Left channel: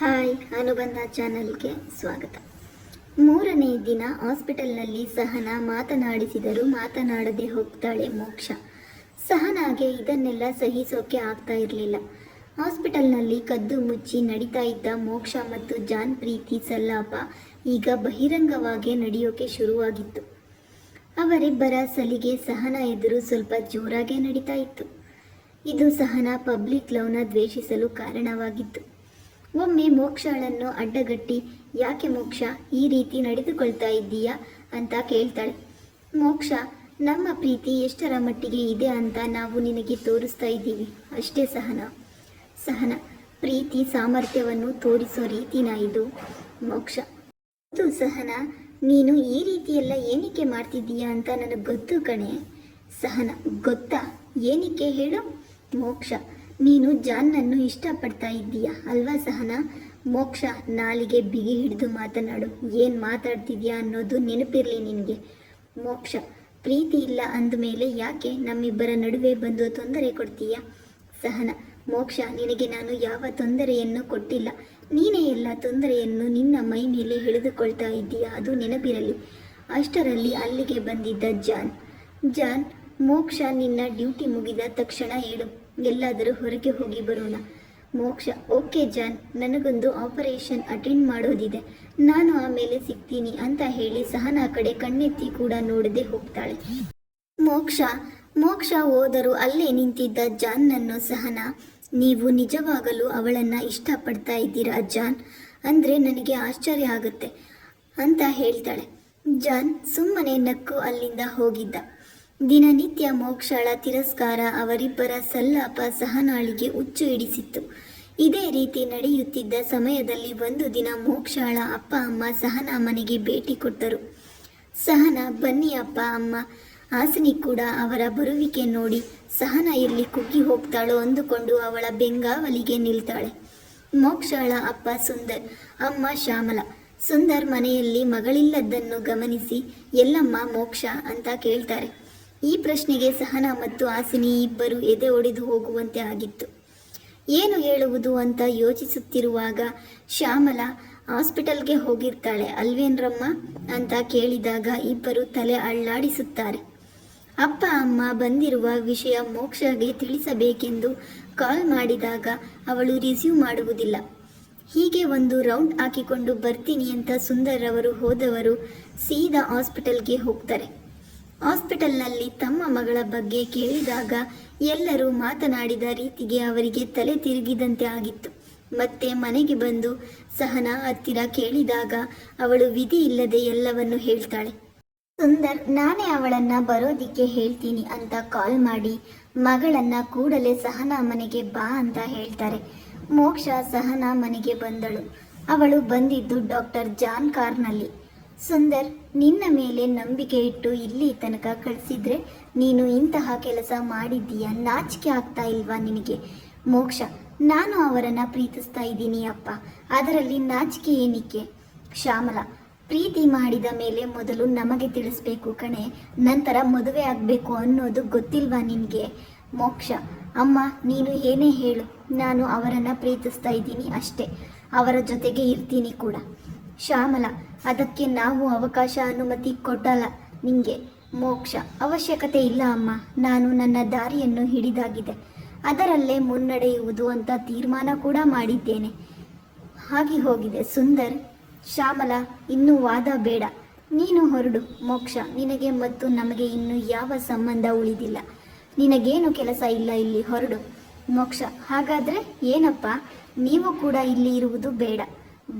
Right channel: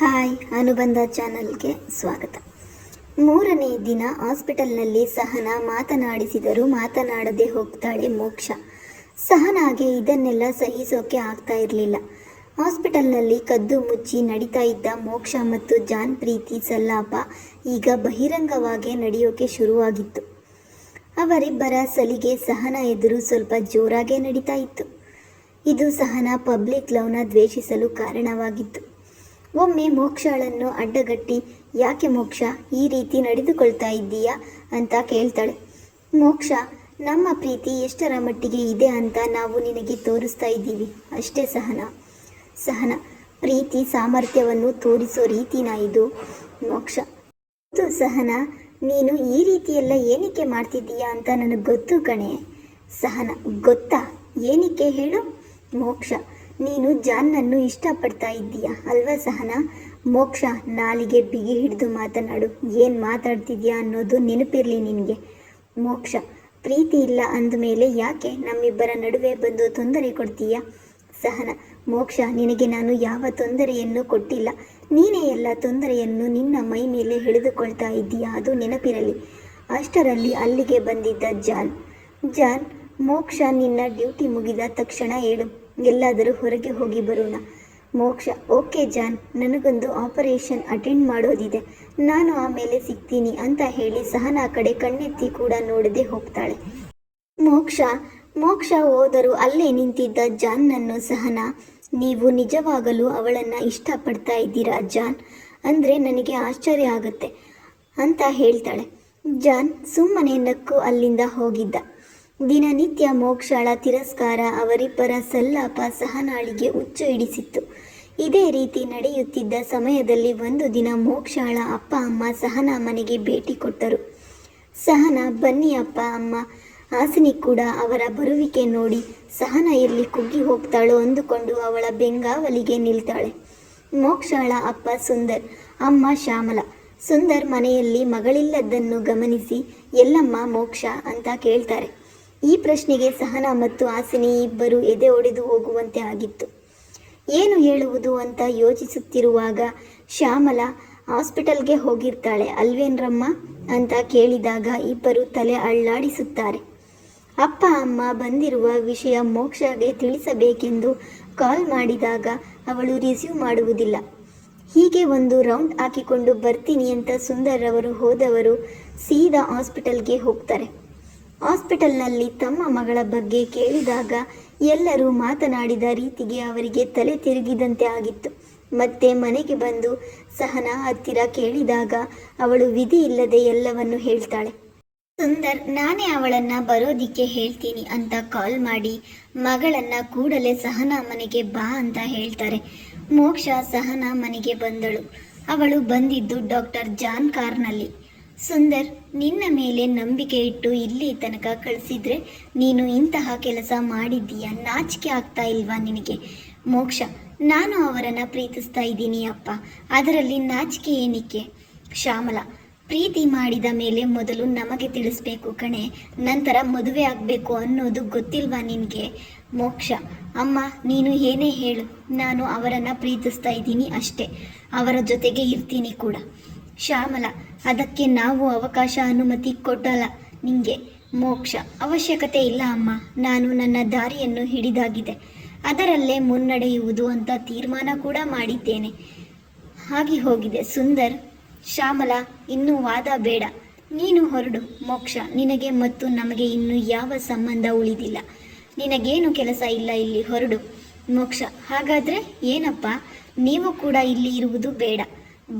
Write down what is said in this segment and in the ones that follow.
Hi, ಅನುಬಂಧ ಚಾನಲ್ಗೆ ಸ್ವಾಗತ. ಮೂರನೇ ದಿನ ಹಾಸ್ಪಿಟಲ್ನಲ್ಲಿ ಸಹನಾ ಮಾತನಾಡಿಸಿದರೂ ಮಾತನಾಡದೆ ಹೋಗ್ತಾಳೆ ಮೋಕ್ಷ. ಸಹನಾಗೆ ಇದನ್ನೆಲ್ಲ ಸಹಿಸೋಕೆ ಆಗ್ತಾ ಇರಲಿಲ್ಲ. ಹಾಸ್ಪಿಟಲ್ನಲ್ಲಿ ಕದ್ದು ಮುಚ್ಚಿ ನಡೀತಾ ಇದ್ದ ಮೋಕ್ಷ ಮತ್ತು ಜಾನ್ ಪ್ರೀತಿ ಸಲ್ಲಾಪ ಈಗ ಬಹಿರಂಗವಾಗಿ ನಡೆಯೋಕೆ ಶುರುವಾಗಿತ್ತು. ಅವರಿಬ್ಬರ ಸಲಿಗೆ ಸಹನಾ ಎದುರು ಸ್ವಲ್ಪ ಜೋರಾಗೇ ನಡೀತಾ ಇತ್ತು. ಇದು ಸಹನಾ ಪಬ್ಲಿಕ್ ಲವ್ನ ದ್ವೇಷಿಸಲು ಕಾರಣವಾಗಿತ್ತು. ಒಮ್ಮೆ ಮೋಕ್ಷಳನ್ನು ಅಡ್ಡಗಟ್ಟಿ, ಯಾಕೆ ಮೋಕ್ಷ ಈ ರೀತಿ ನಡೆದುಕೊಳ್ತಾ ಇದ್ದೀಯಾ ಅಂತ ಕೇಳ್ತಾಳೆ. ಮೋಕ್ಷ, ನಮ್ಮ ಪ್ರೀತಿ ಎಷ್ಟರ ಮಟ್ಟಿಗೆ ಇದೆ ಅಂತ ನಾವು ನಿನಗೆ ತೋರಿಸ್ತಾ ಇದ್ದೀವಿ ಅಷ್ಟೇ ಸಹನಾ. ಪ್ರೀತಿ ಸಾಮರ್ಥ್ಯವನ್ನು ತೋರಿಸೋ ರೀತಿನ ಇದು ಮೋಕ್ಷ. ಇದು ಸಹನಾ, ನೀನು ಈ ರೀತಿಯೆಲ್ಲ ಏನಕ್ಕೆ ಮಾಡ್ತಿದ್ದೀಯಾ ಅಂತ ನನಗೆ ಗೊತ್ತು ಕಣೆ. ಸಹನಾ, ಗೊತ್ತಾ? ಏನಕ್ಕೆ ಹೇಳು? ಮೋಕ್ಷ, ನೀನು ಜಾನ್ನನ್ನು ಇಷ್ಟಪಡ್ತಾ ಇದ್ದೀಯಾ ಅಲ್ವಾ ಸಹನಾ? ಮೋಕ್ಷ, ನಾಲಿಗೆ ಬಿಗಿ ಹಿಡಿದು ಮಾತನಾಡು. ಏನು ಮಾತಾಡ್ತಿದ್ಯಾ ಅನ್ನೋದು ನೆನಪಿರಲಿ ನಿನಗೆ. ಮೋಕ್ಷ, ಪ್ರೀತಿ ಇಲ್ಲ ಅಂದಮೇಲೆ ಯಾಕೆ ನಮ್ಮಿಬ್ಬರ ನಡುವೆ ಬಂದು ತೊಂದರೆ ಕೊಡ್ತೀಯಾ? ಸಹನಾ, ಮೋಕ್ಷ, ನಿನಗೆ ನಾನು ಯಾವ ತೊಂದರೆಯನ್ನು ಕೊಟ್ಟಿಲ್ಲ. ನೀನೇ ಎಲ್ಲ ತೊಂದರೆಯನ್ನು ನಿನ್ನ ಮೈ ಮೇಲೆ ಎಳೆದುಕೊಳ್ತಾ ಇದ್ದೀಯಾ, ಅದು ನೆನಪಿರಲಿ. ಅಷ್ಟರಲ್ಲಿ ಅಲ್ಲಿಗೆ ಬಂದಿದ್ದ ಜಾನ್, ಮೋಕ್ಷ, ನಿನ್ನ ಡ್ಯೂಟಿ ಮುಗಿದ ತಕ್ಷಣ ಹೇಳು, ಎಲ್ಲಾದರೂ ಹೊರಗೆ ಹೋಗಿ ಬರೋಣ. ಮೋಕ್ಷ, ಓಕೆ ಜಾನ್, ನನಗೊಂದು ಆಪರೇಷನ್ ಅಟೆಂಡ್ ಮಾಡೋದಿದೆ, ನಾನು ಆಮೇಲೆ ಸಿಗ್ತೀನಿ ಅಂತ ಹೇಳಿ ಸಹನಾ ಕಡೆ ಕಣ್ಣೆತ್ತಿ ಕೂಡ ನೋಡದೆ ಹೋಗ್ತಾಳೆ. ಮೋಕ್ಷ ಹೋದರೂ ಅಲ್ಲೇ ನಿಂತಿದ್ದ ಜಾನ್ನನ್ನು ಸಹನಾ, ನೀವು ನಿಜವಾಗಲೂ ಅವಳನ್ನು ಇಷ್ಟಪಡ್ತಾ ಇದ್ದೀರಾ ಜಾನ್? ಅಂದರೆ ನನಗೆ ಆಶ್ಚರ್ಯ ಆಗುತ್ತೆ ಅಂತ ಹೇಳ್ತಾಳೆ. ಜಾನ್ ಸುಮ್ಮನೆ ನಕ್ಕು ಅಲ್ಲಿಂದ ಹೋಗಿದ್ದ. ದಿನನಿತ್ಯ ಮೋಕ್ಷಳ ತಿರಸ್ಕಾರ ಅವರಿಬ್ಬರ ಸಲ್ಲಾಪ ಸಹನಾಳಿಗೆ ಹುಚ್ಚು ಹಿಡಿಸಿತ್ತು. ಇದೇ ರೀತಿ ನಡೆಯುತ್ತಿದ್ದ ಸಮಯದಲ್ಲಿ ಒಂದು ದಿನ ಮೋಕ್ಷಳ ಅಪ್ಪ ಅಮ್ಮ ಸಹನಾ ಮನೆಗೆ ಭೇಟಿ ಕೊಟ್ಟರು. ಸಹನಾ, ಬನ್ನಿ ಅಪ್ಪ ಅಮ್ಮ. ಹಾಸಿನಿ ಕೂಡ ಅವರ ಬರುವಿಕೆ ನೋಡಿ ಸಹನಾ ಎಲ್ಲಿ ಕುಗ್ಗಿ ಹೋಗ್ತಾಳೋ ಅಂದುಕೊಂಡು ಅವಳ ಬೆಂಗಾವಲಿಗೆ ನಿಲ್ತಾಳೆ. ಮೋಕ್ಷಳ ಅಪ್ಪ ಸುಂದರ್, ಅಮ್ಮ ಶ್ಯಾಮಲ. ಸುಂದರ್ ಮನೆಯಲ್ಲಿ ಮಗಳಿಲ್ಲದನ್ನು ಗಮನಿಸಿ, ಎಲ್ಲಮ್ಮ ಮೋಕ್ಷ ಅಂತ ಕೇಳ್ತಾರೆ. ಈ ಪ್ರಶ್ನೆಗೆ ಸಹನಾ ಮತ್ತು ಹಾಸಿನಿ ಇಬ್ಬರು ಎದೆ ಒಡೆದು ಹೋಗುವಂತೆ ಆಗಿತ್ತು. ಏನು ಹೇಳುವುದು ಅಂತ ಯೋಚಿಸುತ್ತಿರುವಾಗ ಶ್ಯಾಮಲ, ಹಾಸ್ಪಿಟಲ್ಗೆ ಹೋಗಿರ್ತಾಳೆ ಅಲ್ವೇನ್ರಮ್ಮ ಅಂತ ಕೇಳಿದಾಗ ಇಬ್ಬರು ತಲೆ ಅಳ್ಳಾಡಿಸುತ್ತಾರೆ. ಅಪ್ಪ ಅಮ್ಮ ಬಂದಿರುವ ವಿಷಯ ಮೋಕ್ಷಗೆ ತಿಳಿಸಬೇಕೆಂದು ಕಾಲ್ ಮಾಡಿದಾಗ ಅವಳು ರಿಸೀವ್ ಮಾಡುವುದಿಲ್ಲ. ಹೀಗೆ ಒಂದು ರೌಂಡ್ ಹಾಕಿಕೊಂಡು ಬರ್ತೀನಿ ಅಂತ ಸುಂದರ್ ಅವರು ಹೋದವರು ಸೀದಾ ಹಾಸ್ಪಿಟಲ್ಗೆ ಹೋಗ್ತಾರೆ. ಹಾಸ್ಪಿಟಲ್ನಲ್ಲಿ ತಮ್ಮ ಮಗಳ ಬಗ್ಗೆ ಕೇಳಿದಾಗ ಎಲ್ಲರೂ ಮಾತನಾಡಿದ ರೀತಿಗೆ ಅವರಿಗೆ ತಲೆ ತಿರುಗಿದಂತೆ ಆಗಿತ್ತು. ಮತ್ತೆ ಮನೆಗೆ ಬಂದು ಸಹನಾ ಹತ್ತಿರ ಕೇಳಿದಾಗ ಅವಳು ವಿಧಿ ಇಲ್ಲದೆ ಎಲ್ಲವನ್ನು ಹೇಳ್ತಾಳೆ. ಸುಂದರ್, ನಾನೇ ಅವಳನ್ನ ಬರೋದಿಕ್ಕೆ ಹೇಳ್ತೀನಿ ಅಂತ ಕಾಲ್ ಮಾಡಿ ಮಗಳನ್ನ ಕೂಡಲೇ ಸಹನಾ ಮನೆಗೆ ಬಾ ಅಂತ ಹೇಳ್ತಾರೆ. ಮೋಕ್ಷ ಸಹನಾ ಮನೆಗೆ ಬಂದಳು. ಅವಳು ಬಂದಿದ್ದು ಡಾಕ್ಟರ್ ಜಾನ್ ಕಾರ್ನಲ್ಲಿ. ಸುಂದರ್, ನಿನ್ನ ಮೇಲೆ ನಂಬಿಕೆ ಇಟ್ಟು ಇಲ್ಲಿ ತನಕ ಕಳಿಸಿದ್ರೆ ನೀನು ಇಂತಹ ಕೆಲಸ ಮಾಡಿದ್ದೀಯಾ? ನಾಚಿಕೆ ಆಗ್ತಾ ಇಲ್ವಾ ನಿನಗೆ? ಮೋಕ್ಷ, ನಾನು ಅವರನ್ನು ಪ್ರೀತಿಸ್ತಾ ಇದ್ದೀನಿ ಅಪ್ಪ, ಅದರಲ್ಲಿ ನಾಚಿಕೆ ಏನಕ್ಕೆ? ಶ್ಯಾಮಲ, ಪ್ರೀತಿ ಮಾಡಿದ ಮೇಲೆ ಮೊದಲು ನಮಗೆ ತಿಳಿಸ್ಬೇಕು ಕಣೆ, ನಂತರ ಮದುವೆ ಆಗಬೇಕು ಅನ್ನೋದು ಗೊತ್ತಿಲ್ವಾ ನಿನಗೆ? ಮೋಕ್ಷ, ಅಮ್ಮ ನೀನು ಏನೇ ಹೇಳು, ನಾನು ಅವರನ್ನು ಪ್ರೀತಿಸ್ತಾ ಇದ್ದೀನಿ ಅಷ್ಟೇ, ಅವರ ಜೊತೆಗೆ ಇರ್ತೀನಿ ಕೂಡ. ಶ್ಯಾಮಲ, ಅದಕ್ಕೆ ನಾವು ಅವಕಾಶ ಅನುಮತಿ ಕೊಟ್ಟಲ್ಲ ನಿಂಗೆ. ಮೋಕ್ಷ, ಅವಶ್ಯಕತೆ ಇಲ್ಲ ಅಮ್ಮ, ನಾನು ನನ್ನ ದಾರಿಯನ್ನು ಹಿಡಿದಾಗಿದೆ, ಅದರಲ್ಲೇ ಮುನ್ನಡೆಯುವುದು ಅಂತ ತೀರ್ಮಾನ ಕೂಡ ಮಾಡಿದ್ದೇನೆ. ಹಾಗೆ ಹೋಗಿದೆ. ಸುಂದರ್, ಶ್ಯಾಮಲ, ಇನ್ನೂ ವಾದ ಬೇಡ, ನೀನು ಹೊರಡು. ಮೋಕ್ಷ, ನಿನಗೆ ಮತ್ತು ನಮಗೆ ಇನ್ನೂ ಯಾವ ಸಂಬಂಧ ಉಳಿದಿಲ್ಲ, ನಿನಗೇನು ಕೆಲಸ ಇಲ್ಲ ಇಲ್ಲಿ, ಹೊರಡು. ಮೋಕ್ಷ, ಹಾಗಾದರೆ ಏನಪ್ಪ, ನೀವು ಕೂಡ ಇಲ್ಲಿ ಇರುವುದು ಬೇಡ,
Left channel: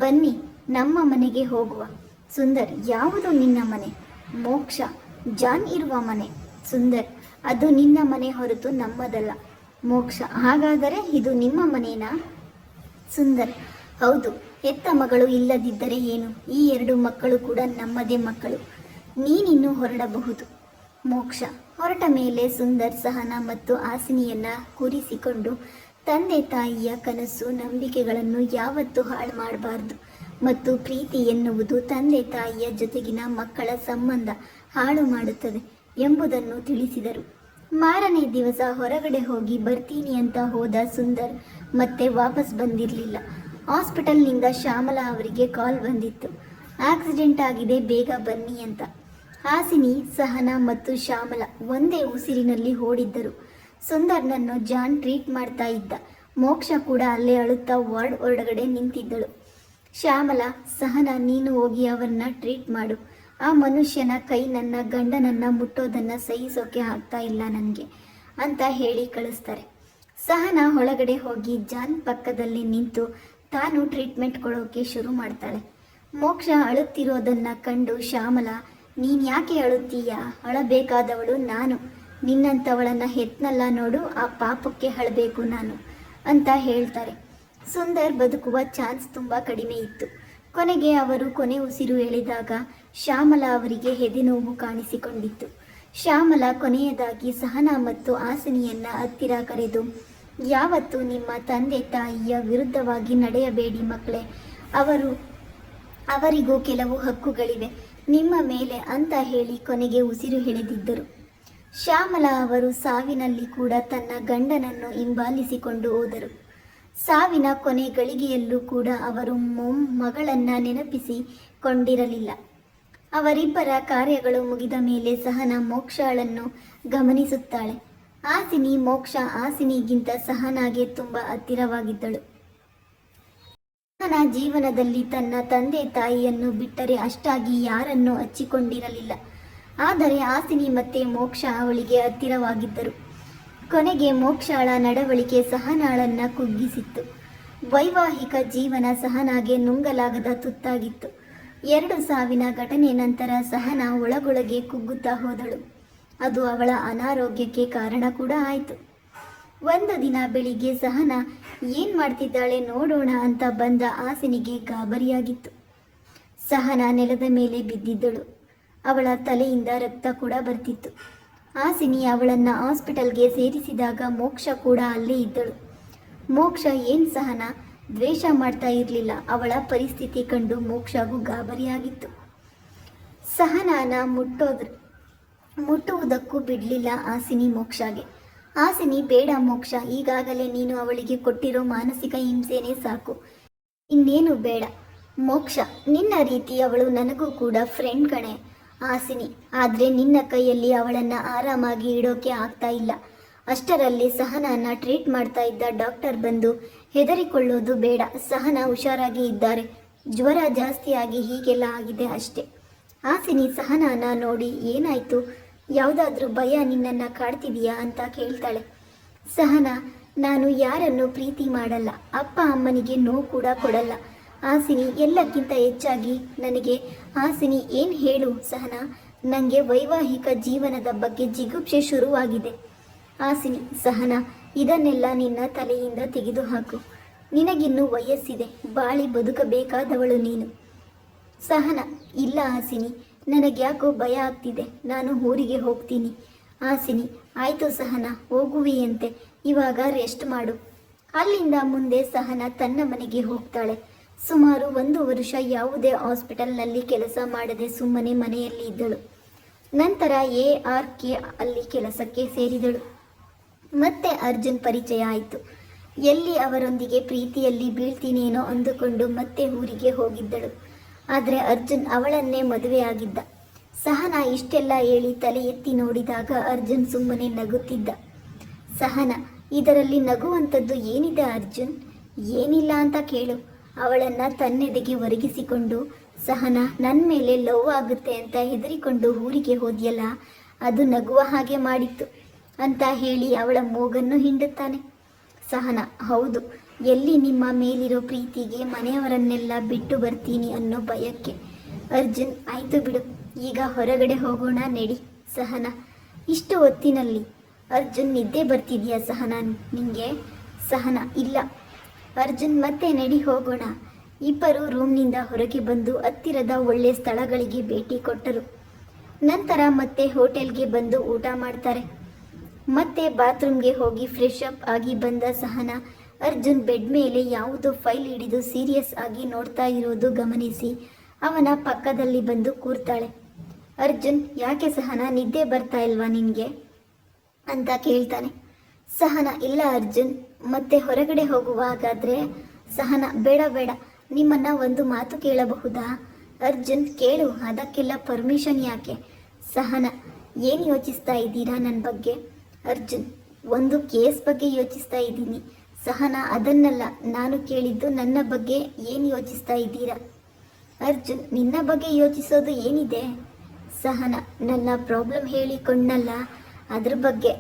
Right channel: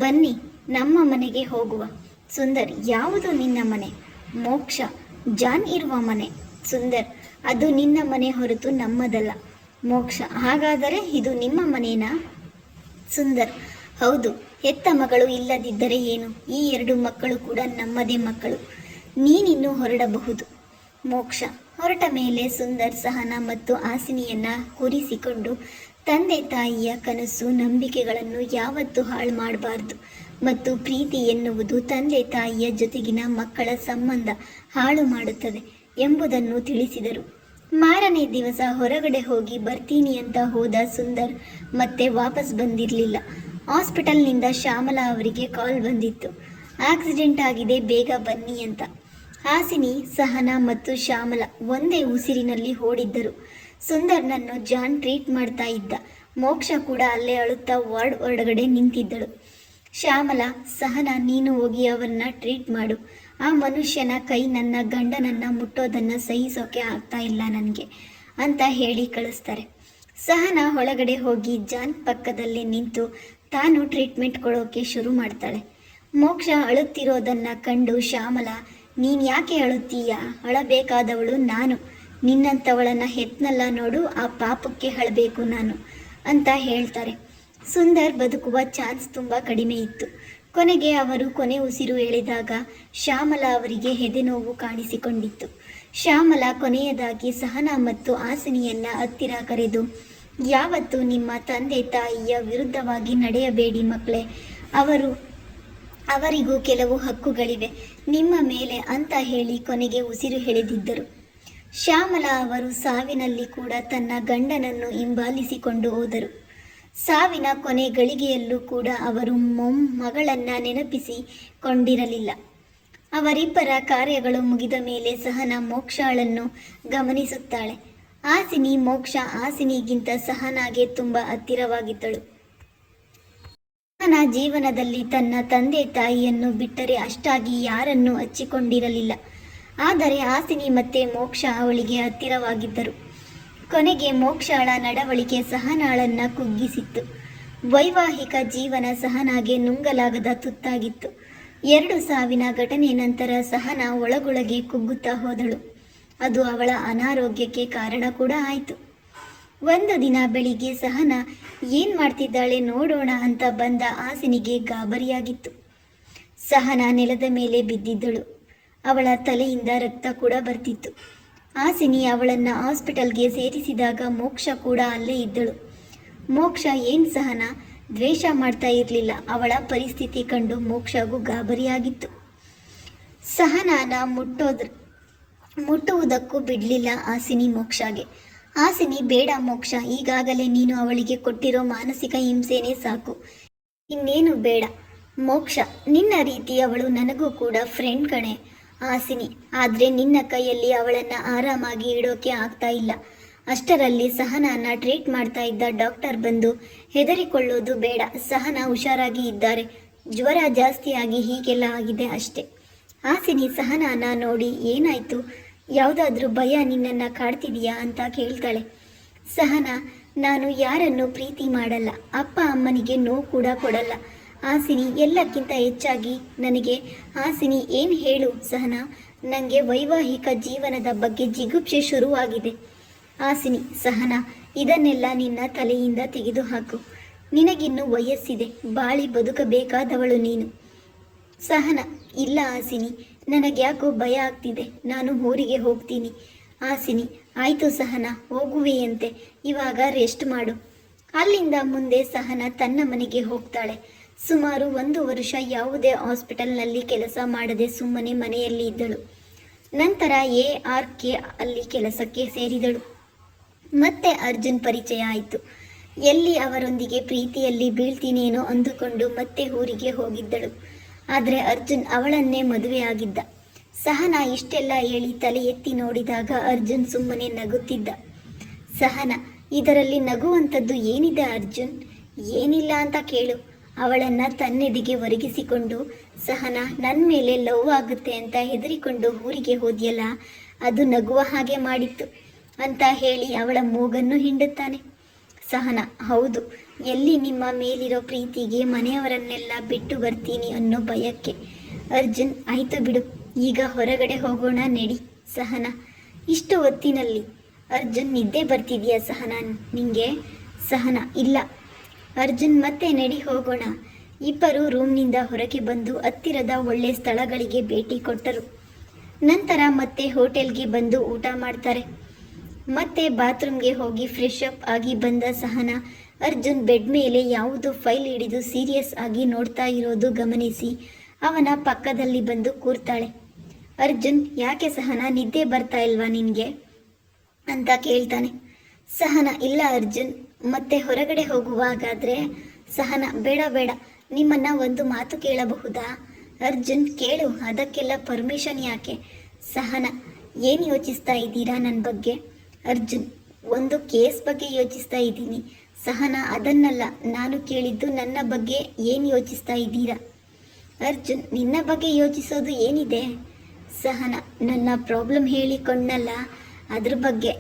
ಬನ್ನಿ ನಮ್ಮ ಮನೆಗೆ ಹೋಗುವ. ಸುಂದರ್, ಯಾವುದು ನಿನ್ನ ಮನೆ? ಮೋಕ್ಷ, ಜಾನ್ ಇರುವ ಮನೆ. ಸುಂದರ್, ಅದು ನಿನ್ನ ಮನೆ ಹೊರತು ನಮ್ಮದಲ್ಲ. ಮೋಕ್ಷ, ಹಾಗಾದರೆ ಇದು ನಿಮ್ಮ ಮನೇನಾ? ಸುಂದರ್, ಹೌದು, ಹೆತ್ತ ಮಗಳು ಇಲ್ಲದಿದ್ದರೆ ಏನು, ಈ ಎರಡು ಮಕ್ಕಳು ಕೂಡ ನಮ್ಮದೇ ಮಕ್ಕಳು, ನೀನಿನ್ನೂ ಹೊರಡಬಹುದು. ಮೋಕ್ಷ ಹೊರಟ ಮೇಲೆ ಸುಂದರ್ ಸಹನಾ ಮತ್ತು ಹಾಸಿನಿಯನ್ನ ಕೂರಿಸಿಕೊಂಡು, ತಂದೆ ತಾಯಿಯ ಕನಸು ನಂಬಿಕೆಗಳನ್ನು ಯಾವತ್ತೂ ಹಾಳು ಮಾಡಬಾರ್ದು ಮತ್ತು ಪ್ರೀತಿ ಎನ್ನುವುದು ತಂದೆ ತಾಯಿಯ ಜೊತೆಗಿನ ಮಕ್ಕಳ ಸಂಬಂಧ ಹಾಳು ಮಾಡುತ್ತದೆ ಎಂಬುದನ್ನು ತಿಳಿಸಿದರು. ಮಾರನೇ ದಿವಸ ಹೊರಗಡೆ ಹೋಗಿ ಬರ್ತೀನಿ ಅಂತ ಹೋದ ಸುಂದರ್ ಮತ್ತೆ ವಾಪಸ್ ಬಂದಿರಲಿಲ್ಲ. ಹಾಸ್ಪಿಟಲ್ನಿಂದ ಶ್ಯಾಮಲಾ ಅವರಿಗೆ ಕಾಲ್ ಬಂದಿತ್ತು. ಆಕ್ಸಿಡೆಂಟ್ ಆಗಿದೆ, ಬೇಗ ಬನ್ನಿ ಅಂತ. ಹಾಸಿನಿ, ಸಹನಾ ಮತ್ತು ಶ್ಯಾಮಲಾ ಒಂದೇ ಉಸಿರಿನಲ್ಲಿ ಓಡಿದ್ದರು. ಸುಂದರ್ನನ್ನು ಜಾನ್ ಟ್ರೀಟ್ ಮಾಡ್ತಾ ಇದ್ದ. ಮೋಕ್ಷ ಕೂಡ ಅಲ್ಲೇ ಅಳುತ್ತಾ ವಾರ್ಡ್ ಹೊರಗಡೆ ನಿಂತಿದ್ದಳು. ಶ್ಯಾಮಲಾ, ಸಹನಾ ನೀನು ಹೋಗಿ ಅವರನ್ನ ಟ್ರೀಟ್ ಮಾಡು. ಆ ಮನುಷ್ಯನ ಕೈ ನನ್ನ ಗಂಡನನ್ನ ಮುಟ್ಟೋದನ್ನು ಸಹಿಸೋಕೆ ಆಗ್ತಾ ಇಲ್ಲ ನನಗೆ ಅಂತ ಹೇಳಿ ಕಳಿಸ್ತಾರೆ. ಸಹನಾ ಒಳಗಡೆ ಹೋಗಿ ಜಾನ್ ಪಕ್ಕದಲ್ಲೇ ನಿಂತು ತಾನು ಟ್ರೀಟ್ಮೆಂಟ್ ಕೊಡೋಕೆ ಶುರು ಮಾಡ್ತಾಳೆ. ಮೋಕ್ಷ ಅಳುತ್ತಿರೋದನ್ನು ಕಂಡು ಶ್ಯಾಮಲಾ, ನೀನು ಯಾಕೆ ಅಳುತ್ತೀಯ? ಅಳಬೇಕಾದವಳು ನಾನು. ನಿನ್ನಂಥವಳನ್ನು ಹೆತ್ನಲ್ಲ ನೋಡು, ಆ ಪಾಪಕ್ಕೆ ಅಳಬೇಕು ನಾನು ಅಂತ ಹೇಳ್ತಾರೆ. ಸುಂದರ್ ಬದುಕುವ ಚಾನ್ಸ್ ತುಂಬ ಕಡಿಮೆ ಇತ್ತು. ಕೊನೆಗೆ ಅವರು ಕೊನೆ ಉಸಿರು ಎಳೆದಾಗ ಶ್ಯಾಮಲಾ ಅವರಿಗೆ ಎದೆನೋವು ಕಾಣಿಸಿಕೊಂಡಿತ್ತು. ಶ್ಯಾಮಲಾ ಕೊನೆಯದಾಗಿ ಸಹನಾ ಮತ್ತು ಹಾಸಿನಿಯನ್ನ ಹತ್ತಿರ ಕರೆದು, ಯಾವತ್ತೂ ನಿಮ್ಮ ತಂದೆ ತಾಯಿಯ ವಿರುದ್ಧವಾಗಿ ನಡೆಯಬೇಡಿ ಮಕ್ಕಳೇ. ಅವರಿಗೂ ಕೆಲವು ಹಕ್ಕುಗಳಿವೆ ನಿಮ್ಮ ಮೇಲೆ ಅಂತ ಹೇಳಿ ಕೊನೆಗೆ ಉಸಿರು ಎಳೆದಿದ್ದರು. ಶ್ಯಾಮಲಾ ಅವರು ಸಾವಿನಲ್ಲಿ ಕೂಡ ತನ್ನ ಗಂಡನನ್ನು ಹಿಂಬಾಲಿಸಿಕೊಂಡು ಹೋದರು. ಸಾವಿನ ಕೊನೆ ಗಳಿಗೆಯಲ್ಲೂ ಕೂಡ ಅವರು ಮಗಳನ್ನ ನೆನಪಿಸಿಕೊಂಡಿರಲಿಲ್ಲ. ಅವರಿಬ್ಬರ ಕಾರ್ಯಗಳು ಮುಗಿದ ಮೇಲೆ ಸಹನಾ ಮೋಕ್ಷಳನ್ನು ಗಮನಿಸುತ್ತಾಳೆ. ಹಾಸಿನಿಗಿಂತ ಸಹನಾಗೆ ತುಂಬ ಹತ್ತಿರವಾಗಿದ್ದಳು. ಸಹನಾ ಜೀವನದಲ್ಲಿ ತನ್ನ ತಂದೆ ತಾಯಿಯನ್ನು ಬಿಟ್ಟರೆ ಅಷ್ಟಾಗಿ ಯಾರನ್ನೂ ಹಚ್ಚಿಕೊಂಡಿರಲಿಲ್ಲ. ಆದರೆ ಹಾಸಿನಿ ಮತ್ತೆ ಮೋಕ್ಷ ಅವಳಿಗೆ ಹತ್ತಿರವಾಗಿದ್ದರು. ಕೊನೆಗೆ ಮೋಕ್ಷಳ ನಡವಳಿಕೆ ಸಹನಾಳನ್ನ ಕುಗ್ಗಿಸಿತ್ತು. ವೈವಾಹಿಕ ಜೀವನ ಸಹನಾಗೆ ನುಂಗಲಾಗದ ತುತ್ತಾಗಿತ್ತು. 2 ಸಾವಿನ ಘಟನೆ ನಂತರ ಸಹನಾ ಒಳಗೊಳಗೆ ಕುಗ್ಗುತ್ತಾ ಹೋದಳು. ಅದು ಅವಳ ಅನಾರೋಗ್ಯಕ್ಕೆ ಕಾರಣ ಕೂಡ ಆಯಿತು. ಒಂದು ದಿನ ಬೆಳಿಗ್ಗೆ ಸಹನಾ ಏನು ಮಾಡ್ತಿದ್ದಾಳೆ ನೋಡೋಣ ಅಂತ ಬಂದ ಹಾಸಿನಿಗೆ ಗಾಬರಿಯಾಗಿತ್ತು. ಸಹನಾ ನೆಲದ ಮೇಲೆ ಬಿದ್ದಿದ್ದಳು. ಅವಳ ತಲೆಯಿಂದ ರಕ್ತ ಕೂಡ ಬರ್ತಿತ್ತು. ಹಾಸಿನಿ ಅವಳನ್ನು ಹಾಸ್ಪಿಟಲ್ಗೆ ಸೇರಿಸಿದಾಗ ಮೋಕ್ಷ ಕೂಡ ಅಲ್ಲೇ ಇದ್ದಳು. ಮೋಕ್ಷ ಏನು ಸಹನಾ, ದ್ವೇಷ ಮಾಡ್ತಾ ಇರಲಿಲ್ಲ. ಅವಳ ಪರಿಸ್ಥಿತಿ ಕಂಡು ಮೋಕ್ಷಗೂ ಗಾಬರಿಯಾಗಿತ್ತು. ಸಹನಾನ ಮುಟ್ಟುವುದಕ್ಕೂ ಬಿಡಲಿಲ್ಲ ಹಾಸಿನಿ ಮೋಕ್ಷಗೆ. ಹಾಸಿನಿ, ಬೇಡ ಮೋಕ್ಷ, ಈಗಾಗಲೇ ನೀನು ಅವಳಿಗೆ ಕೊಟ್ಟಿರೋ ಮಾನಸಿಕ ಹಿಂಸೆನೇ ಸಾಕು, ಇನ್ನೇನು ಬೇಡ. ಮೋಕ್ಷ, ನಿನ್ನ ರೀತಿ ಅವಳು ನನಗೂ ಕೂಡ ಫ್ರೆಂಡ್ ಕಣೆ ಹಾಸಿನಿ. ಆದರೆ ನಿನ್ನ ಕೈಯಲ್ಲಿ ಅವಳನ್ನು ಆರಾಮಾಗಿ ಇಡೋಕೆ ಆಗ್ತಾ ಇಲ್ಲ. ಅಷ್ಟರಲ್ಲಿ ಸಹನಾನ ಟ್ರೀಟ್ ಮಾಡ್ತಾ ಇದ್ದ ಡಾಕ್ಟರ್ ಬಂದು, ಹೆದರಿಕೊಳ್ಳೋದು ಬೇಡ, ಸಹನಾ ಹುಷಾರಾಗಿ ಇದ್ದಾರೆ, ಜ್ವರ ಜಾಸ್ತಿಯಾಗಿ ಹೀಗೆಲ್ಲ ಆಗಿದೆ ಅಷ್ಟೆ. ಹಾಸಿನಿ ಸಹನಾನ ನೋಡಿ, ಏನಾಯಿತು, ಯಾವುದಾದ್ರೂ ಭಯ ನಿನ್ನನ್ನು ಕಾಡ್ತಿದೆಯಾ ಅಂತ ಕೇಳ್ತಾಳೆ. ಸಹನಾ, ನಾನು ಯಾರನ್ನು ಪ್ರೀತಿ ಮಾಡಲ್ಲ, ಅಪ್ಪ ಅಮ್ಮನಿಗೆ ನೋವು ಕೂಡ ಕೊಡಲ್ಲ. ಹಾಸಿನಿ, ಎಲ್ಲಕ್ಕಿಂತ ಹೆಚ್ಚಾಗಿ ನನಗೆ ಹಾಸಿನಿ ಏನು ಹೇಳು ಸಹನಾ, ನನಗೆ ವೈವಾಹಿಕ ಜೀವನದ ಬಗ್ಗೆ ಜಿಗುಪ್ಸೆ ಶುರುವಾಗಿದೆ. ಹಾಸಿನಿ, ಸಹನಾ, ಇದನ್ನೆಲ್ಲ ನಿನ್ನ ತಲೆಯಿಂದ ತೆಗೆದುಹಾಕು. ನಿನಗಿನ್ನೂ ವಯಸ್ಸಿದೆ, ಬಾಳಿ ಬದುಕಬೇಕಾದವಳು ನೀನು. ಸಹನಾ, ಇಲ್ಲ ಹಾಸಿನಿ, ನನಗ್ಯಾಕೋ ಭಯ ಆಗ್ತಿದೆ, ನಾನು ಊರಿಗೆ ಹೋಗ್ತೀನಿ. ಹಾಸಿನಿ, ಆಯಿತು ಸಹನಾ, ಹೋಗುವೆಯಂತೆ, ಇವಾಗ ರೆಸ್ಟ್ ಮಾಡು. ಅಲ್ಲಿಂದ ಮುಂದೆ ಸಹನಾ ತನ್ನ ಮನೆಗೆ ಹೋಗ್ತಾಳೆ. ಸುಮಾರು 1 ವರ್ಷ ಯಾವುದೇ ಹಾಸ್ಪಿಟಲ್ನಲ್ಲಿ ಕೆಲಸ ಮಾಡದೆ ಸುಮ್ಮನೆ ಮನೆಯಲ್ಲಿ ಇದ್ದಳು. ನಂತರ ARK ಅಲ್ಲಿ ಕೆಲಸಕ್ಕೆ ಸೇರಿದಳು. ಮತ್ತೆ ಅರ್ಜುನ್ ಪರಿಚಯ ಆಯಿತು. ಎಲ್ಲಿ ಅವರೊಂದಿಗೆ ಪ್ರೀತಿಯಲ್ಲಿ ಬೀಳ್ತೀನೇನೋ ಅಂದುಕೊಂಡು ಮತ್ತೆ ಊರಿಗೆ ಹೋಗಿದ್ದಳು. ಆದರೆ ಅರ್ಜುನ್ ಅವಳನ್ನೇ ಮದುವೆಯಾಗಿದ್ದ. ಸಹನಾ ಇಷ್ಟೆಲ್ಲ ಹೇಳಿ ತಲೆ ಎತ್ತಿ ನೋಡಿದಾಗ ಅರ್ಜುನ್ ಸುಮ್ಮನೆ ನಗುತ್ತಿದ್ದ. ಸಹನಾ, ಇದರಲ್ಲಿ ನಗುವಂಥದ್ದು ಏನಿದೆ ಅರ್ಜುನ್? ಏನಿಲ್ಲ ಅಂತ ಕೇಳು. ಅವಳನ್ನು ತನ್ನೆದೆಗೆ ಒರಗಿಸಿಕೊಂಡು, ಸಹನಾ, ನನ್ನ ಮೇಲೆ ಲವ್ ಆಗುತ್ತೆ ಅಂತ ಹೆದರಿಕೊಂಡು ಊರಿಗೆ ಹೋದ್ಯಲ್ಲ, ಅದು ನಗುವ ಹಾಗೆ ಮಾಡಿತ್ತು ಅಂತ ಹೇಳಿ ಅವಳ ಮೂಗನ್ನು ಹಿಂಡುತ್ತಾನೆ. ಸಹನಾ, ಹೌದು, ಎಲ್ಲಿ ನಿಮ್ಮ ಮೇಲಿರೋ ಪ್ರೀತಿಗೆ ಮನೆಯವರನ್ನೆಲ್ಲ ಬಿಟ್ಟು ಬರ್ತೀನಿ ಅನ್ನೋ ಭಯಕ್ಕೆ. ಅರ್ಜುನ್, ಆಯಿತು ಬಿಡು, ಈಗ ಹೊರಗಡೆ ಹೋಗೋಣ ನಡಿ. ಸಹನಾ, ಇಷ್ಟು ಹೊತ್ತಿನಲ್ಲಿ? ಅರ್ಜುನ್, ನಿದ್ದೆ ಬರ್ತಿದೆಯಾ ಸಹನಾ ನಿಂಗೆ? ಸಹನಾ, ಇಲ್ಲ. ಅರ್ಜುನ್, ಮತ್ತೆ ನಡಿ ಹೋಗೋಣ. ಇಬ್ಬರು ರೂಮ್ನಿಂದ ಹೊರಗೆ ಬಂದು ಹತ್ತಿರದ ಒಳ್ಳೆ ಸ್ಥಳಗಳಿಗೆ ಭೇಟಿ ಕೊಟ್ಟರು. ನಂತರ ಮತ್ತೆ ಹೋಟೆಲ್ಗೆ ಬಂದು ಊಟ ಮಾಡ್ತಾರೆ. ಮತ್ತೆ ಬಾತ್ರೂಮ್ಗೆ ಹೋಗಿ ಫ್ರೆಶ್ ಅಪ್ ಆಗಿ ಬಂದ ಸಹನಾ ಅರ್ಜುನ್ ಬೆಡ್ ಮೇಲೆ ಯಾವುದೋ ಫೈಲ್ ಹಿಡಿದು ಸೀರಿಯಸ್ ಆಗಿ ನೋಡ್ತಾ ಇರೋದು ಗಮನಿಸಿ ಅವನ ಪಕ್ಕದಲ್ಲಿ ಬಂದು ಕೂರ್ತಾಳೆ. ಅರ್ಜುನ್, ಯಾಕೆ ಸಹನಾ, ನಿದ್ದೆ ಬರ್ತಾ ಇಲ್ವಾ ನಿನಗೆ ಅಂತ ಕೇಳ್ತಾನೆ. ಸಹನಾ, ಇಲ್ಲ ಅರ್ಜುನ್, ಮತ್ತೆ ಹೊರಗಡೆ ಹೋಗುವಾಗಾದರೆ ಸಹನ ಬೇಡ ಬೇಡ, ನಿಮ್ಮನ್ನ ಒಂದು ಮಾತು ಕೇಳಬಹುದಾ? ಅರ್ಜುನ್ ಕೇಳು, ಅದಕ್ಕೆಲ್ಲ ಪರ್ಮಿಷನ್ ಯಾಕೆ? ಸಹನ ಏನು ಯೋಚಿಸ್ತಾ ಇದ್ದೀರಾ ನನ್ನ ಬಗ್ಗೆ? ಅರ್ಜುನ್ ಒಂದು ಕೇಸ್ ಬಗ್ಗೆ ಯೋಚಿಸ್ತಾ ಇದ್ದೀನಿ. ಸಹನ ಅದನ್ನಲ್ಲ ನಾನು ಕೇಳಿದ್ದು, ನನ್ನ ಬಗ್ಗೆ ಏನು ಯೋಚಿಸ್ತಾ ಇದ್ದೀರಾ? ಅರ್ಜುನ್ ನಿನ್ನ ಬಗ್ಗೆ ಯೋಚಿಸೋದು ಏನಿದೆ? ಸಹನ ನನ್ನ ಪ್ರಾಬ್ಲಮ್ ಹೇಳಿಕೊಂಡಲ್ಲ, ಅದ್ರ ಬಗ್ಗೆ.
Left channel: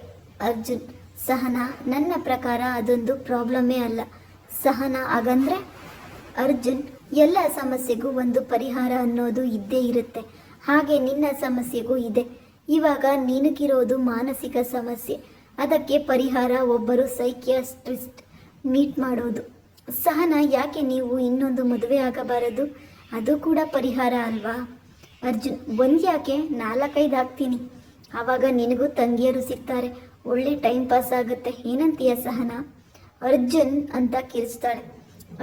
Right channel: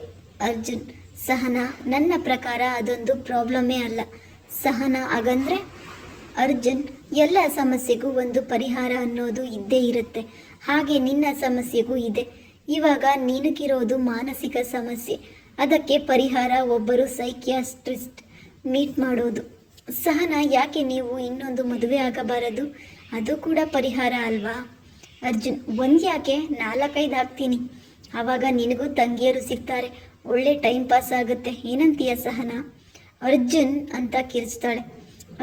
ಅರ್ಜುನ್ ಸಹನ ನನ್ನ ಪ್ರಕಾರ ಅದೊಂದು ಪ್ರಾಬ್ಲಮೇ ಅಲ್ಲ. ಸಹನ ಹಾಗಂದ್ರೆ? ಅರ್ಜುನ್ ಎಲ್ಲ ಸಮಸ್ಯೆಗೂ ಒಂದು ಪರಿಹಾರ ಅನ್ನೋದು ಇದ್ದೇ ಇರುತ್ತೆ, ಹಾಗೆ ನಿನ್ನ ಸಮಸ್ಯೆಗೂ ಇದೆ. ಇವಾಗ ನಿನಗಿರೋದು ಮಾನಸಿಕ ಸಮಸ್ಯೆ, ಅದಕ್ಕೆ ಪರಿಹಾರ ಒಬ್ಬರು ಸೈಕಿಯಾಟ್ರಿಸ್ಟ್ ಮೀಟ್ ಮಾಡೋದು. ಸಹನ ಯಾಕೆ ನೀವು ಇನ್ನೊಂದು ಮದುವೆ ಆಗಬಾರದು? ಅದು ಕೂಡ ಪರಿಹಾರ ಅಲ್ವಾ? ಅರ್ಜುನ್ ಒಂದು ಯಾಕೆ 4-5 ಆಗ್ತೀನಿ, ಆವಾಗ ನಿನಗೂ ತಂಗಿಯರು ಸಿಗ್ತಾರೆ, ಒಳ್ಳೆ ಟೈಮ್ ಪಾಸ್ ಆಗುತ್ತೆ. ಏನಂತೀಯ ಸಹನ? ಅರ್ಜುನ್ ಅಂತ ಕಿರಿಸ್ತಾಳೆ.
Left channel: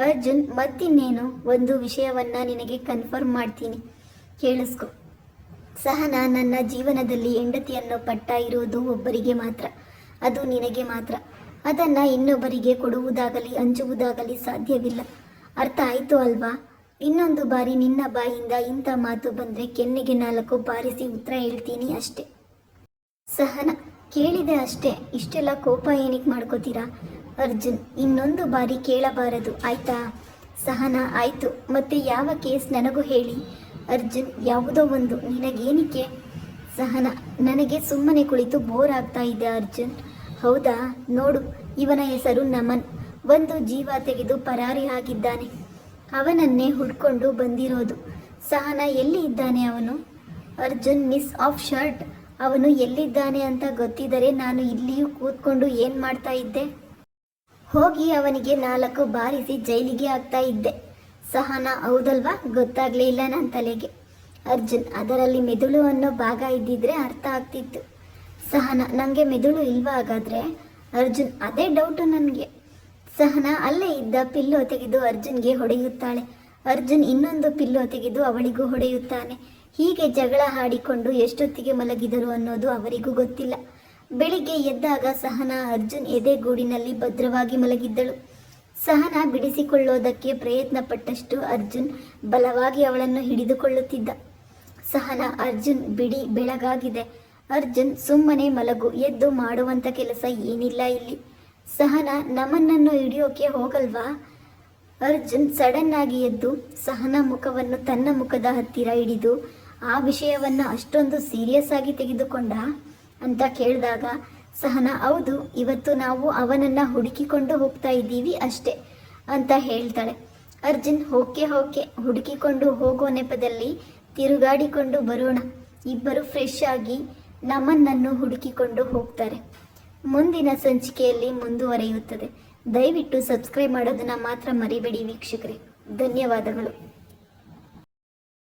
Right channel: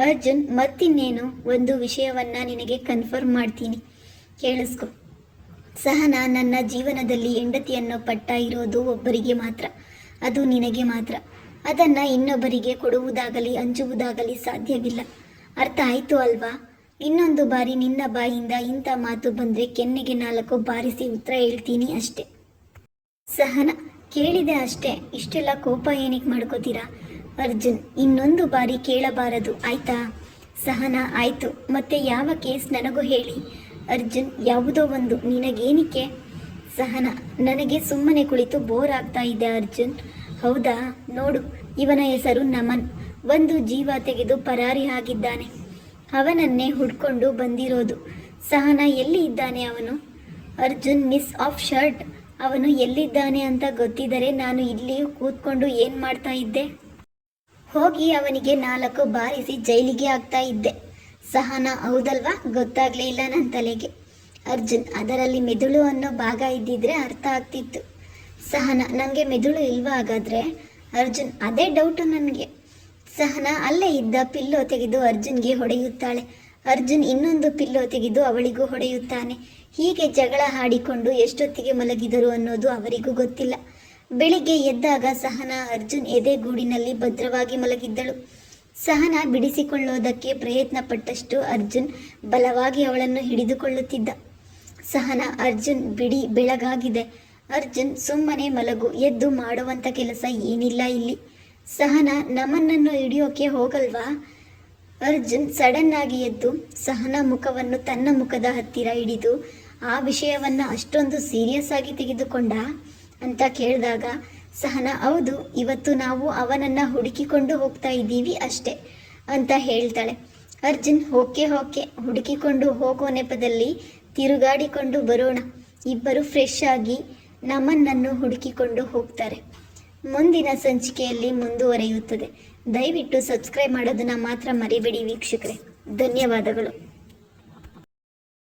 ಅರ್ಜುನ್ ಮತ್ತಿನ್ನೇನು, ಒಂದು ವಿಷಯವನ್ನ ನಿನಗೆ ಕನ್ಫರ್ಮ್ ಮಾಡ್ತೀನಿ, ಕೇಳಿಸ್ಕೊ. ಸಹನ ನನ್ನ ಜೀವನದಲ್ಲಿ ಹೆಂಡತಿಯನ್ನು ಪಟ್ಟ ಇರೋದು ಒಬ್ಬರಿಗೆ ಮಾತ್ರ, ಅದು ನಿನಗೆ ಮಾತ್ರ. ಅದನ್ನು ಇನ್ನೊಬ್ಬರಿಗೆ ಕೊಡುವುದಾಗಲಿ ಹಂಚುವುದಾಗಲಿ ಸಾಧ್ಯವಿಲ್ಲ. ಅರ್ಥ ಆಯಿತು ಅಲ್ವಾ? ಇನ್ನೊಂದು ಬಾರಿ ನಿನ್ನ ಬಾಯಿಂದ ಇಂಥ ಮಾತು ಬಂದರೆ ಕೆನ್ನೆಗೆ 4 ಬಾರಿಸಿ ಉತ್ತರ ಹೇಳ್ತೀನಿ ಅಷ್ಟೆ. ಸಹನ ಕೇಳಿದೆ ಅಷ್ಟೇ, ಇಷ್ಟೆಲ್ಲ ಕೋಪ ಏನಕ್ಕೆ ಮಾಡ್ಕೋತೀರಾ? ಅರ್ಜುನ್ ಇನ್ನೊಂದು ಬಾರಿ ಕೇಳಬಾರದು ಆಯ್ತಾ? ಸಹನ ಆಯಿತು, ಮತ್ತೆ ಯಾವ ಕೇಸ್ ನನಗೂ ಹೇಳಿ. ಅರ್ಜುನ್ ಯಾವುದೋ ಒಂದು, ನಿನಗೇನಿಕೆ? ಸಹನ ನನಗೆ ಸುಮ್ಮನೆ ಕುಳಿತು ಬೋರ್ ಆಗ್ತಾ ಇದೆ ಅರ್ಜುನ್. ಹೌದಾ? ನೋಡು, ಇವನ ಹೆಸರು ನಮನ್. ಒಂದು ಜೀವ ತೆಗೆದು ಪರಾರಿ ಆಗಿದ್ದಾನೆ, ಅವನನ್ನೇ ಹುಡ್ಕೊಂಡು ಬಂದಿರೋದು. ಸಹನ ಎಲ್ಲಿ ಇದ್ದಾನೆ ಅವನು? Arjun miss of shirt. ಅವನು ಎಲ್ಲಿದ್ದಾನೆ ಅಂತ ಗೊತ್ತಿದ್ದರೆ ನಾನು ಇಲ್ಲಿಯೂ ಕೂತ್ಕೊಂಡು ಏನು ಮಾಡ್ತಾ ಇದ್ದೆ? ಹೋಗಿ ಅವನಿಗೆ 4 ಬಾರಿಸಿ ಜೈಲಿಗೆ ಆಗ್ತಾ ಇದ್ದೆ. ಸಹನ ಹೌದಲ್ವಾ? ಗೊತ್ತಾಗಲೇ ಇಲ್ಲ ನನ್ನ ತಲೆಗೆ. ಅರ್ಜುನ್ ಅದರಲ್ಲಿ ಮೆದುಳು ಅನ್ನೋ ಭಾಗ ಇದ್ದಿದ್ರೆ ಅರ್ಥ ಆಗ್ತಿತ್ತು. ಸಹನ ನನಗೆ ಮೆದುಳು ಇಲ್ವಾ ಹಾಗಾದರೆ? ಅರ್ಜುನ್ ಅದೇ ಡೌಟು ನನಗೆ. ಸಹನ ಅಲ್ಲೇ ಇದ್ದ ಪಿಲ್ಲೋ ತೆಗೆದು ಅರ್ಜುನ್ಗೆ ಹೊಡೆಯುತ್ತಾಳೆ. ಅರ್ಜುನ್ ಇನ್ನೊಂದು ಪಿಲ್ಲೋ ತೆಗೆದು ಅವಳಿಗೂ ಹೊಡೆಯುತ್ತಾನೆ. ಹೀಗೆ ಜಗಳ ಆಡಿಕೊಂಡು ಎಷ್ಟೊತ್ತಿಗೆ ಮಲಗಿದರು ಅನ್ನೋದು ಅವರಿಗೂ ಗೊತ್ತಿಲ್ಲ. ಬೆಳಿಗ್ಗೆ ಎದ್ದಾಗ ಸಹನ ಅರ್ಜುನ್ ಎದೆಗೂಡಿನಲ್ಲಿ ಭದ್ರವಾಗಿ ಮಲಗಿದ್ದಳು. ಸಹನ ಬಿಡಿಸಿಕೊಳ್ಳೋದಕ್ಕೆ ಪ್ರಯತ್ನ ಪಟ್ಟಷ್ಟು ಅರ್ಜುನ್ ಬಲವಾಗಿ ಅವಳನ್ನು ಹಿಡಿದುಕೊಳ್ಳುತ್ತಿದ್ದ. ಸಹನ ಅರ್ಜುನ್ ಬಿಡಿ, ಬೆಳಗಾಗಿದೆ. ಅರ್ಜುನ್ ಸುಮ್ಮನೆ ಮಲಗು, ಎದ್ದು ಮಾಡುವಂಥ ಕೆಲಸ ಏನಿಲ್ಲ ಇಲ್ಲಿ. ಸಹನ ನಮನ್ನನ್ನು ಹಿಡಿಯೋಕೆ ಹೋಗಲ್ವಾ? ಅರ್ಜುನ್ ಸಡನ್ ಆಗಿ ಎದ್ದು ಸಹನ ಮುಖವನ್ನು ತನ್ನ ಮುಖದ ಹತ್ತಿರ ಹಿಡಿದು ಆ ವಿಷಯವನ್ನು ಅಷ್ಟೊಂದು ಸೀರಿಯಸ್ ಆಗಿ ತೆಗೆದುಕೊಂಡ ಅಂತ ಕೇಳಿದಾಗ ಸಹನ ಹೌದು, ಇವತ್ತು ನಾವು ಅವನನ್ನು ಹುಡುಕಿಕೊಂಡು ಹೋಗ್ತಾ ಇದ್ದೀವಿ ಅಷ್ಟೇ ಅಂತ ಹೇಳ್ತಾಳೆ. ಅರ್ಜುನ್ ಓಕೆ ಹುಡುಕಿಕೊಂಡು ಹೋಗೋ ನೆಪದಲ್ಲಿ ತಿರುಗಾಡಿಕೊಂಡು ಬರೋಣ. ಇಬ್ಬರು ಫ್ರೆಶ್ ಆಗಿ ನಮ್ಮನ್ನು ಹುಡುಕಿಕೊಂಡು ಹೋಗ್ತಾರೆ. ಮುಂದಿನ ಸಂಚಿಕೆಯಲ್ಲಿ ಮುಂದುವರಿಯುತ್ತದೆ. ದಯವಿಟ್ಟು ಸಬ್ಸ್ಕ್ರೈಬ್ ಮಾಡೋದನ್ನು ಮಾತ್ರ ಮರಿಬೇಡಿ ವೀಕ್ಷಕರೇ. ಧನ್ಯವಾದಗಳು.